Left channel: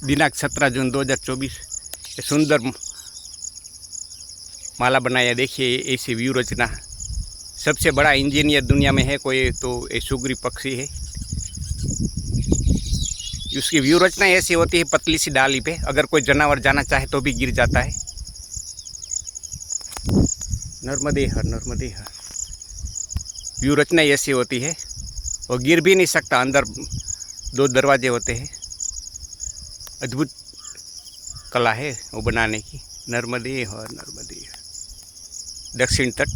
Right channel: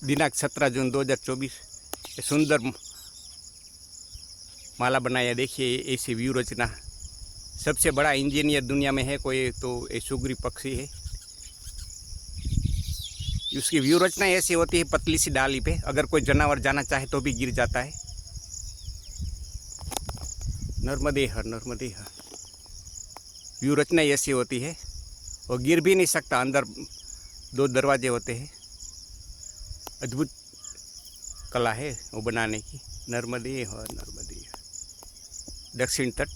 दिनांक 17 जून 2024 ये सुंदर माला बनाया। देखिए ऐसी व्यू रचना। सबसे बड़ा इंजीनियर दुनिया में है कोई तो ये सुग्री पक्षी है। उसकी व्यू रचना ऐसी होती है पतली सी डाली पे, अगर कोई जानवर जाना चाहे तो भी गिर जाता है। नर्मदे हर नर्मदे हर। व्यू रचना ऐसी होती है, वो गिर भी नहीं सकता। अंदर 2 दरवाजे होते हैं। अद्भुत कला है वो बनाने की। नर्मदे हर नर्मदे हर। दक्षिण तट।